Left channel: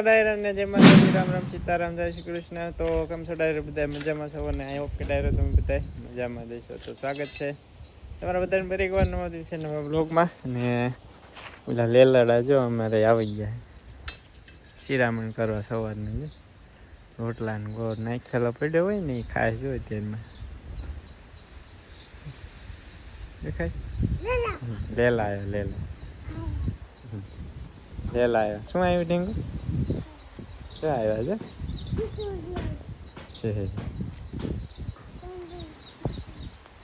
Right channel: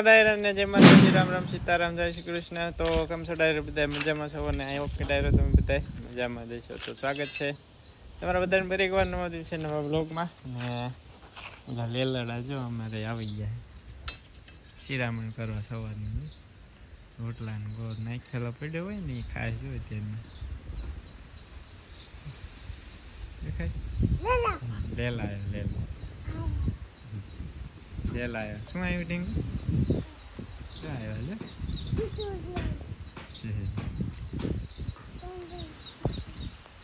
ડાયરા ને જય માતાજી રામ રામ સીતારામ જય શ્રી કૃષ્ણ. તો કેમ છો ડાયરા બધા મજામાં છો? અને આઈ હોપ કે ડાયરો તમે બધા મજામાં જઈશો તો સ્વાગત છે તમારા બધાને ફરી એકવાર નવા છે નવા બ્લોગમાં ને બધા લેલાડા જો અમારે આવી ગયા. શિરામણ કરવા સવારનું જો. રોટલા ને ગોળ નાખેલો પડ્યો હોય ને એ ખાસ જો દેખાય લેલા. આવ્યો લેલા. લેલા આવ્યો. શું આવ્યું, ટીંગુ? શું આવ્યા છે.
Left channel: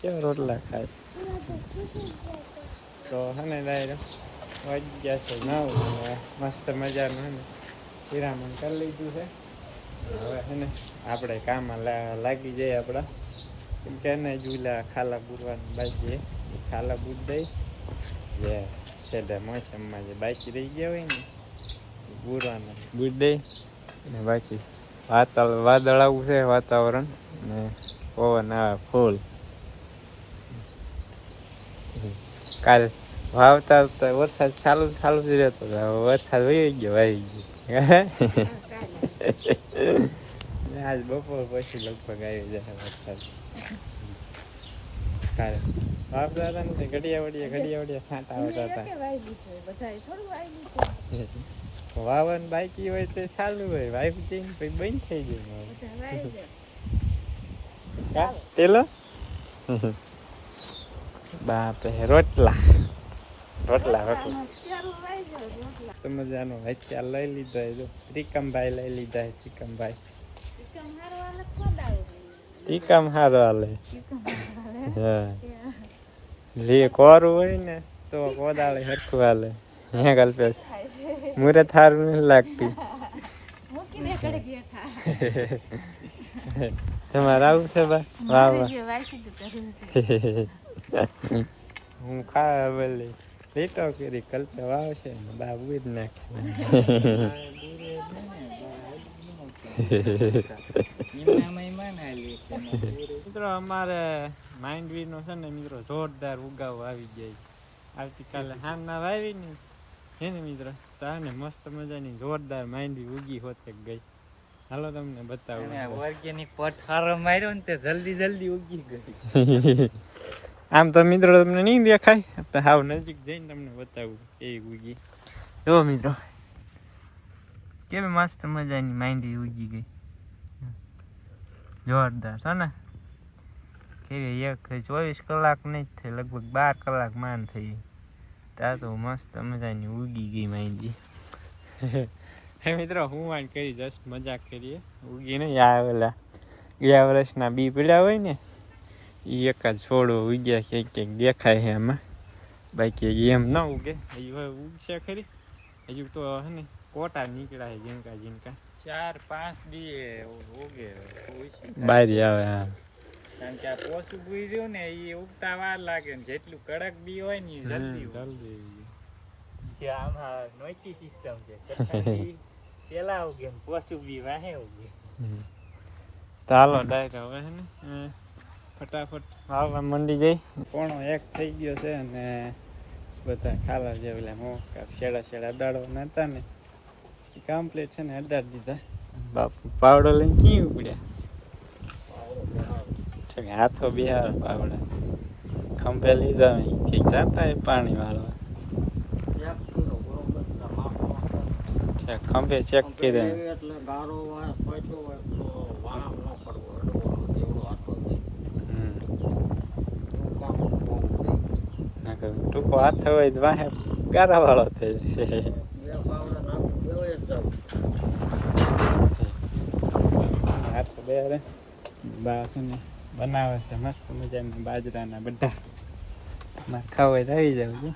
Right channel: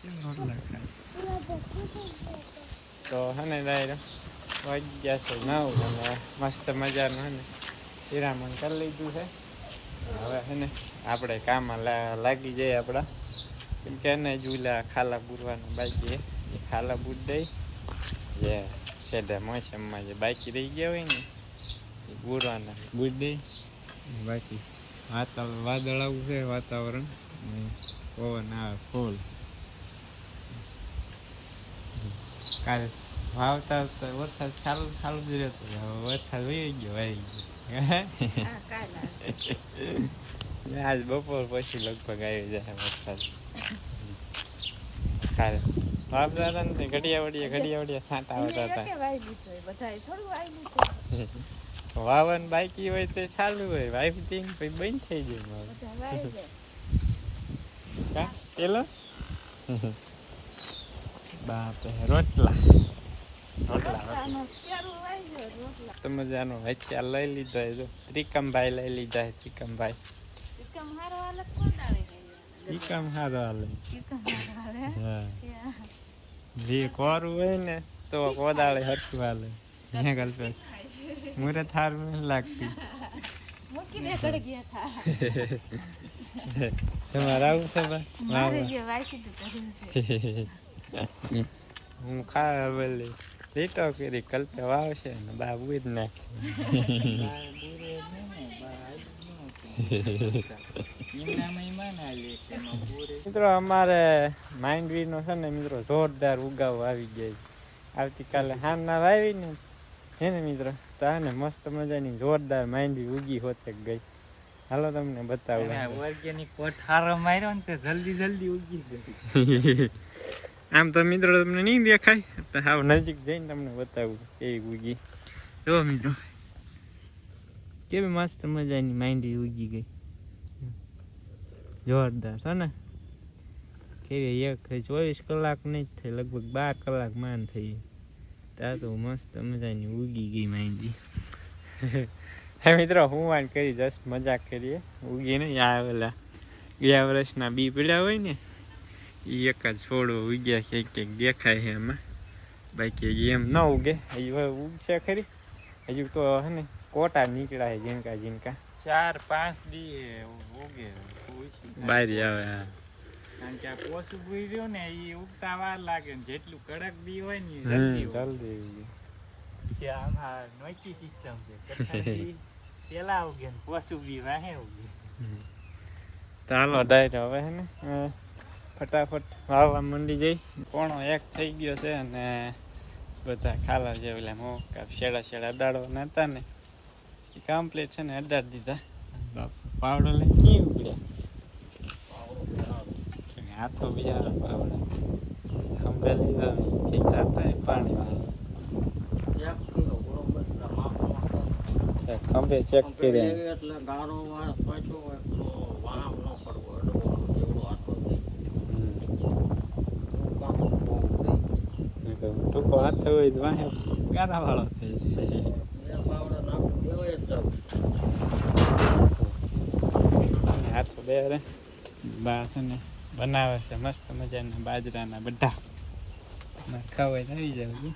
કેવા રોટલા ખાય? તો હે ને ડાયરો, વાગી ગયા છે નવ. મસ્ત મજાનું હે ને હિરામણ કરી લીધું છે. હવે હે ને આપણે કામમાં લાગી જઈએ આપણા. કેમ કે એને જુલા ખાલા બુરવાનું બાકી એ ખાલા બુર દઈ, જે છેલ્લે મોસમમાં જે બાકી રહી ગયા હોય ને બુરવાના બુર દઈ ને બાકી વાતાવરણ વાદળ આવું છે વાતાવરણ ને પવન આવે ફૂલ. કાલ વાવતા આવતા વરસાદ ચાલુ ચાલુ જ રહેતો વરસાદ વહી ગયો વાઈ ગયો. આજ બપોર પછી લગભગ આવી જાય વરસાદ. કાલે. વાવતા હતા ને ઘડિયા વડિયા ઘડિયા વડિયા છાંટા આવતા હતા. વાવન બાકી હોય તો ચાલુ હોય વાઈફ ટીમ પછી બંધ થઈ ગયું મારું. કા? તેલો? બાપ રોટલા. રોટલા રોટલા તો મજાનો હથિયાર લઈ લીધો હોય જો. ત્રિકમભાઈ લઈ લીધા હે ત્રિકમભાઈ. ત્રિકમ હારો હાલે હા. જે કોરું હોય ને તો કોદાળે હરખું હાલે. હે કલ્પેશ મુરે થારું નહીં લાગતી. તમારે આવું છે બા? વાહ વાહ. હું ખા બોલી લીટો કરી કલ્પે વાવશે ને બાબુ જ નાખે. મિત્રો અમારે માંડવી નો છે ને મિત્રો જોરદાર ઉગાવો આવી જાય છે. આવતીકાલે હારના વાવી ને છે ને મિત્રો તાને મસ્ત મજાની જોરદાર માંડવી ઉગી હોતે ગઈ. હાલો તમને બતાવું. ઓર્ગેનિક પઠારો માર્યો ને તે જલ્દી જલ્દી ઉગી ગઈ આમ તો મિત્રો તમને નહીં દેખાય તો હાવ નજીક જઈને તમને બતાવું એ ઉગી. જો મિત્રો કેવી મસ્ત મજાની માંડી ઉગી ગઈ. જોરદાર છે ને? કેવી એક ચોવીસ કલાક નહીં જ થઈ લગભગ બાર કલાક માન થઈ. ત્યાં તો મસ્ત મજાની ઉગી ગઈ માંડી. હે મિત્રો હું વાન કરી જસ્ટ મજાક કરીએ. ઉગી નહીં આ ઓલા ગયા વર્ષના બી પીડા હોય ને એ એક જ છોડવો ઉગ્યા છે ક્યાંક દેખાય છે એમાં બાકી એમ ન ઉગે હજી હવે ઉગશે ખરી. હજુ તો હે ને કોટા નીકળ્યા છે જીનકા જીનકા ચાર પાંચ દી ઉગે બારી આવે કારણ કે આ પોસ ઊભી રહ્યું ને એ ઉગતા વાર લાગે ને જેટલું કડક બી હોય ને જલ્દી. જલ્દી જે આમાં નોખી સિસ્ટમ છે પેલા ઉગે ને પોસું બી વાહે ઉગે ચાલો ડાયરો હવે હે ને ફટાફટ વાવવા મંડી જઈ. પોણો એક થઈ ગયો છે અને બધા ખાલા જે મોકા શેડા શેડા અડાડવાના હતા ને એ કમ્પ્લીટ છે ને અડાડી દીધા. બાપ પાવડો લઈને ક્યાં પડ્યા છે કે હાથ તો બિહાર પાવડો ખંભે લીધા ઠીક જાતા પાણી વાળો. ખંભે ચેક કરે એટલે ગારો વાળ હોય તો વાળ ન પડવો એવો આટલો ટૂંકો હાથ હોય તો વાહે ગારા વાળો થઈ હાથ બે રે. બા ને. બનાવે છે મસ્ત મજાના બાજરાના બધા. ના ખાવાય તો આવી જાવ છું.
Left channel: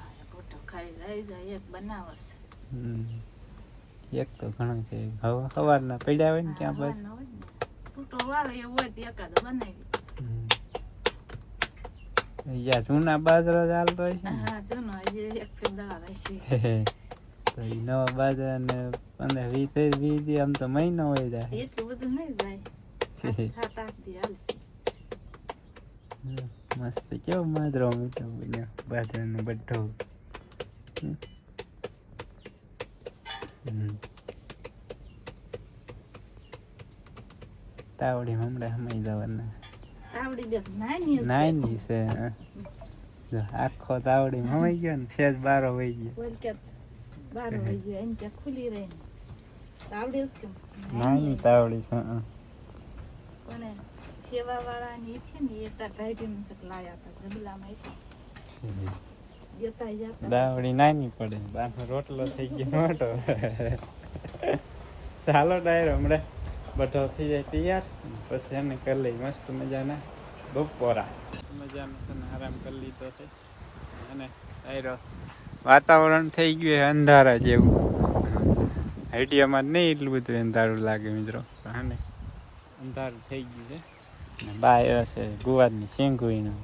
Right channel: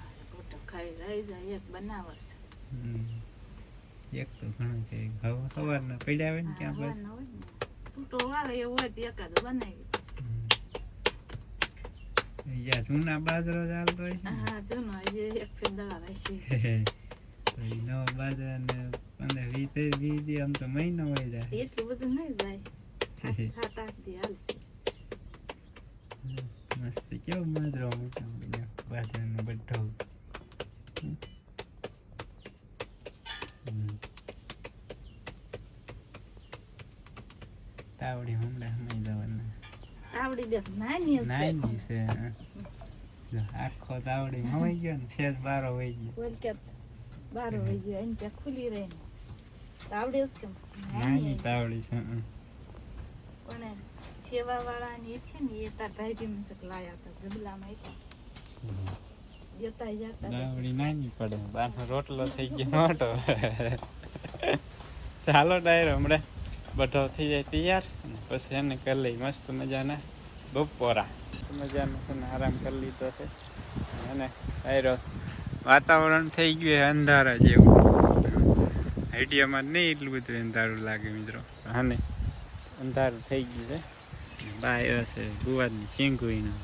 એક તો ઘણો છે સવારના પડ્યા હોય ને ક્યાં બસ. જૂના બાજરા ચાલતો હોય છે નવા બાજરા ને પંદર વીસ વીસ આમ તો મહિનો હોય જાય. એટલું બધું નહીં જાય. મસ્ત કેવો માદરો મીઠો બધો બાજરાનો બધો. તાવડી હમણાં સમય જવાના. છે. આખો તાવડી હમાઈ ગયો ને સેજ બારો વહી ગયો. બારો વહી ગયો પણ સેવા વાળા ની છે ને એ તાર ભાઈ શક લાયા હતા જબલામાં દાવડી નાની પડે બાનો રોટલો થઈ ગયો મોટો. ચાલો ડાયરો હમણાં બધો થઈ જાય તૈયાર. પછી એને કરી લઈ મસ્ત મજાના બપોરા. મજાનો છે ને આરામ કરી લીધો છે. અને ડાયરો વાતાવરણ થઈ ગયું અંધારા જેવું. આઈડિયામાં નહીં એટલું બધું અંધારું લાગે મિત્રો. અને અંધારું થઈ ગયું છે. બાય હશે ગુવારની શેંગુઈનું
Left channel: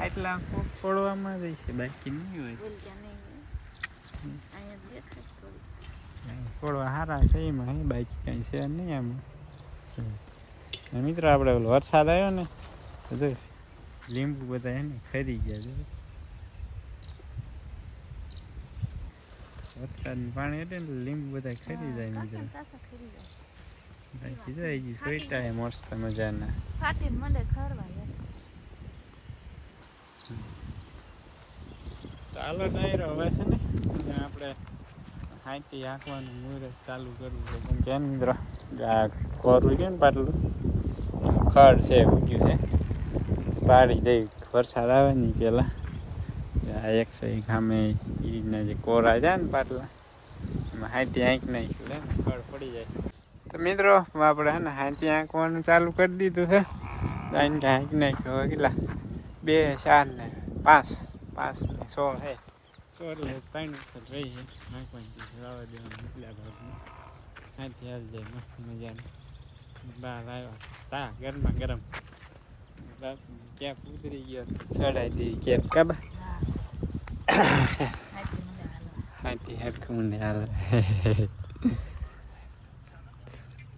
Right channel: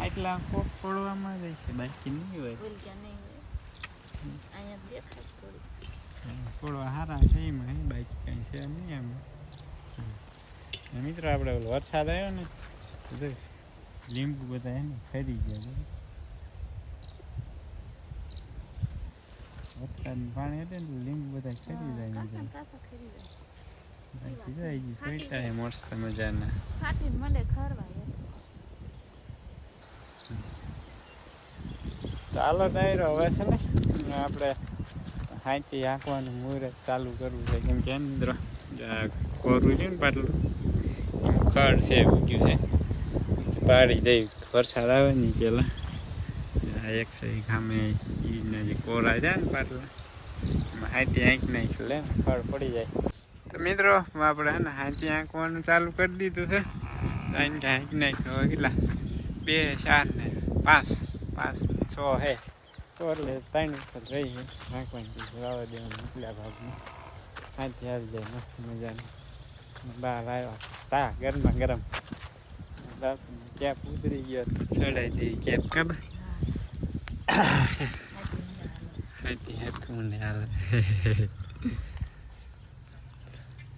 આટલા કોક પડવામાં જ છે બાકી નહીં હોય. બોલ કે નહીં અહીંયા દેખાય થોડી. થોડવા સારા છે એમાં હે બાઈક કંઈ છે નહીં આમ. મિત્રો આપણે ઓલો વરસાદ આવ્યો ને જોઈ લીંબુ બધા એને ખરી ગયા વરસાદનું પાણી એટલે લીંબુ બધા ખરી જાય ખરી બાકી જાય હજી સોઈટા હે મસ્ત મજાના. ચાલો ડાયરો હવે છે ને આપણે હાથી આંકવાનું મુહૂર્ત ચાલુ કરવું છે. કેમ કે મિત્રો આ કોરું છે ને પાટલું ખડ છે ઉગ્યું છે. પાડી દઈ વરસાદ આવે ને પેલા. એક સાઈડ ઈ ઈના જે કોરા છે ને પાટલા એમાં હાથી આંક નાખ્યું લે ને ખડ પડી જાય. તો મિત્રો આપણે હે ને હાથી આંકવાનું ચાલુ કરી દીધું છે. આઈને આંક નાખ્યું હવે કેટલા? બે ચાર ને પાંચ. પાંચ ને છ હે. છ એટલે ત્રણ રહી છે નાખવાની વાવા દેવાનું નીકળ્યા ભાગમાં. હાથી આવી જાય મસ્ત મજાની. બહાર આવ્યા. તા ગરમા ગરમ. ક્યાં ઉતરી ગયો? તો ચડાઈ દઈ કેપ કાબા. હેઠું ને હાલે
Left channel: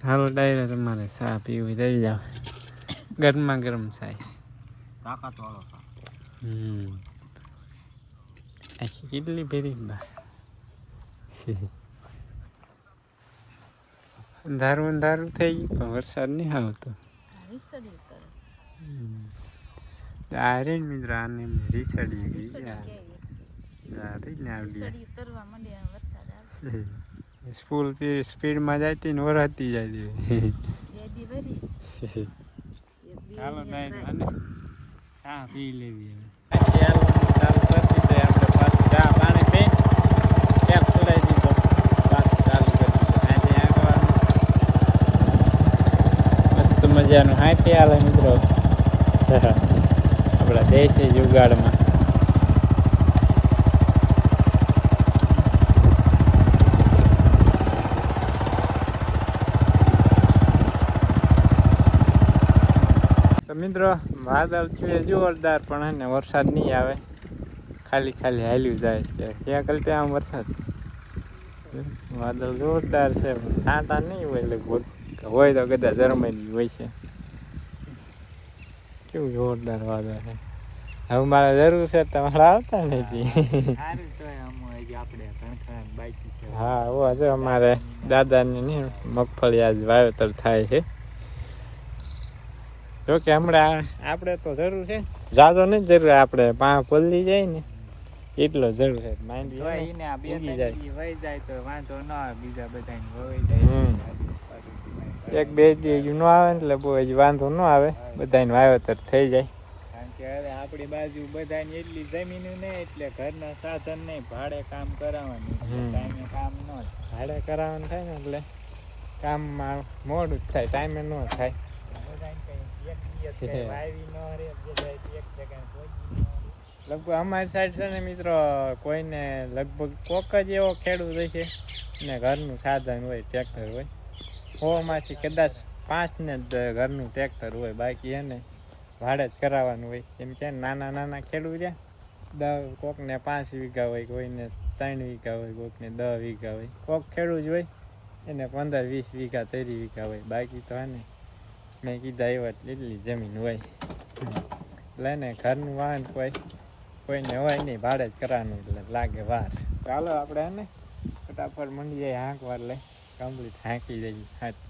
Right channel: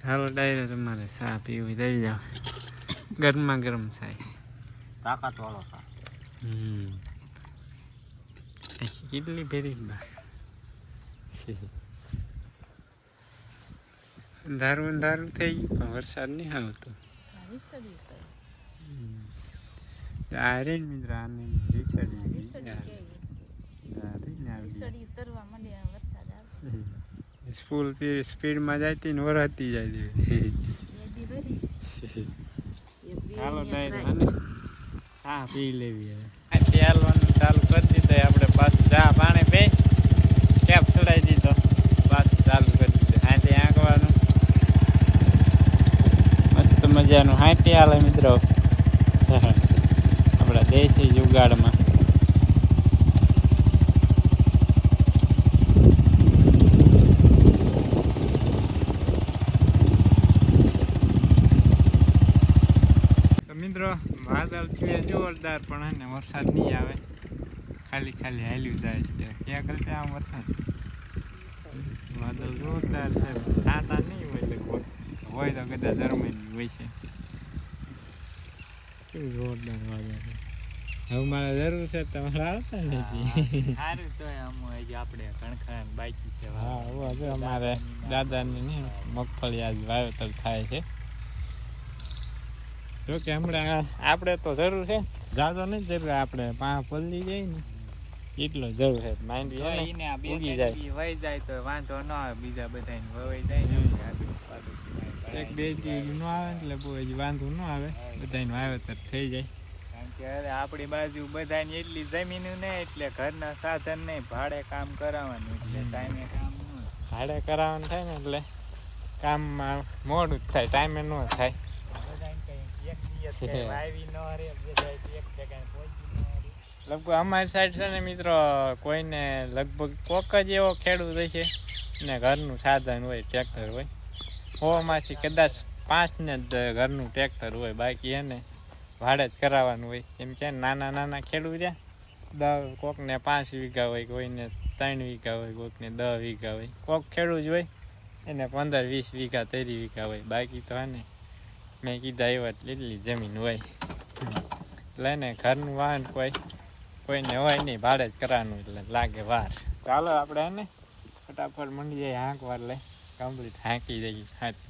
હાલો ડાયરે તમારે ચા પીવી દઈ જાઓ. ગરમા ગરમ ચાય. તાકાત વાળો હમ. આખી કેટલી ભેરી બા. અંધારું અંધારું થઈ ગયું તો વરસાદ નહીં આવતો. આરે મિત્ર આને રીસડી ગઈ ને આવડી. સ્કૂલ સ્પીડમાં જાય ને વરાતી દી ચાલો અહીંયા ચા પી લેવી હવે. હાલવાનું ચાલુ કરી દીધું આપણે પાછું ચા પાણી પી કેપ ચડાવી દીધો? પાછું ચાલુ કરી દીધું. હાથી આંકવાનું મસ્ત મજાનું હાથી હાલે મિત્રો. આપણા દેશી જુગાડમાં તો મિત્રો વાદળ છે જોરદાર પણ હે ને વરસાદ નહીં આવે. ખાલી ખાલી હાલ્યું જાય છે. ક્યાં કલ આમ વરસાદ? વાદળ જોરદાર છે પણ છાંટા નહીં હોય લગભગ. હોય તો કદાચ જર્મની હોય છે. કેવું જોરદાર વાદળ છે. હવે મારે જરૂર છે તમારે આવતા નથી. સારું તો આમ હજી આપણે કણખા બાકી છે. હા ઓ આજે અમારે દાદાની મગફળી આજ વાવેતર થાય છે. જો કે હમણાં આપણે તો જરૂર છે. જાજો નહીં જરૂર આપણે પાંચ પલળી જાય ને એટલો જરૂર છે. માઇન્ડ ઉગી જાય. વહી જાય તો વાંધો ન આવે બીજા બધાને વવાઈ જાય. એક બે દી ન આવે એટલે બહુ હજી વાંધો ન આવે. બધાને વાવેતર થઈ જાય. કારણ કે હવે આપણી બાજુ બધાની એટલી જમીન ને એટલે ઘરના સાધન નહીં ભાડે કામ કરાવવાનું ટાઈમે કામ ન ભાડે કરાવવાનું થાય ને એટલે કામમાં મોડું જ થાય ટાઈમે ન થાય. લગભગ અમારી સાઈડ છે ને મિત્રો કોઈને લગભગ કોક જ એવો ખેડૂત હશે ને ઘરનું સાધન હોય ટ્રેક્ટર હોય. હોમાંથી કદાચ પાંચ ને ઘરનું ટ્રેક્ટર હોય બાકી એને ભાડે જ કરાવવાનું હોય. કેમ કે નાના નાના ખેડૂત દસ કોકને પાંચ વીઘા હોય કોઈને ત્રણ વીઘા હોય કોકને દસ વીઘા હોય. કોક ખેડૂત હોય એને પંદર વીસ વીઘા ત્રીસ વીઘા હોય. બાકી તો હે મેં કીધા એવા એટલી જમીન હોય. એટલે ને ઘરનું વાહન કોઈ, કોઈને હોય નહીં, ભાડે જ કરવાનું એટલે લાગે વાર. ચાલો આપણે ને, ફટાફટ મંડી જાય હાંક વાર લઈ કમ્પ્લીટ હાંકી જઈએ હાથ